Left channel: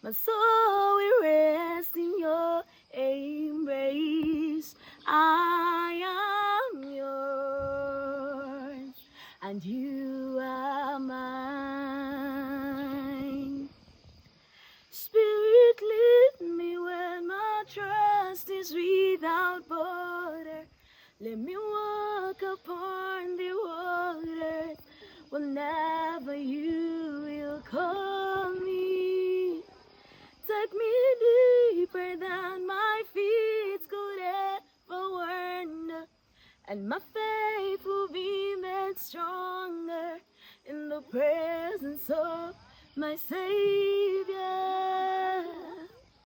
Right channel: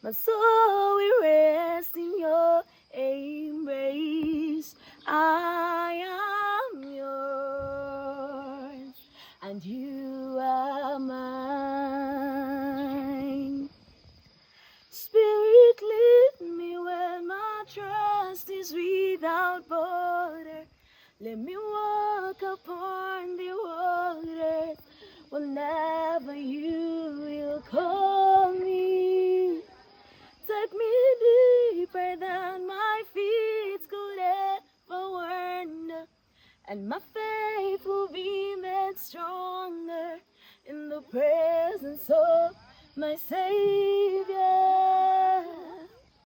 My soul will rest in your embrace. I am yours, and you are mine. Spirit, lead me where my trust is without border. Let me walk upon the waters whenever you will call me. Take me deeper than my feet could ever wander, and my faith will be made stronger in the presence of my Savior.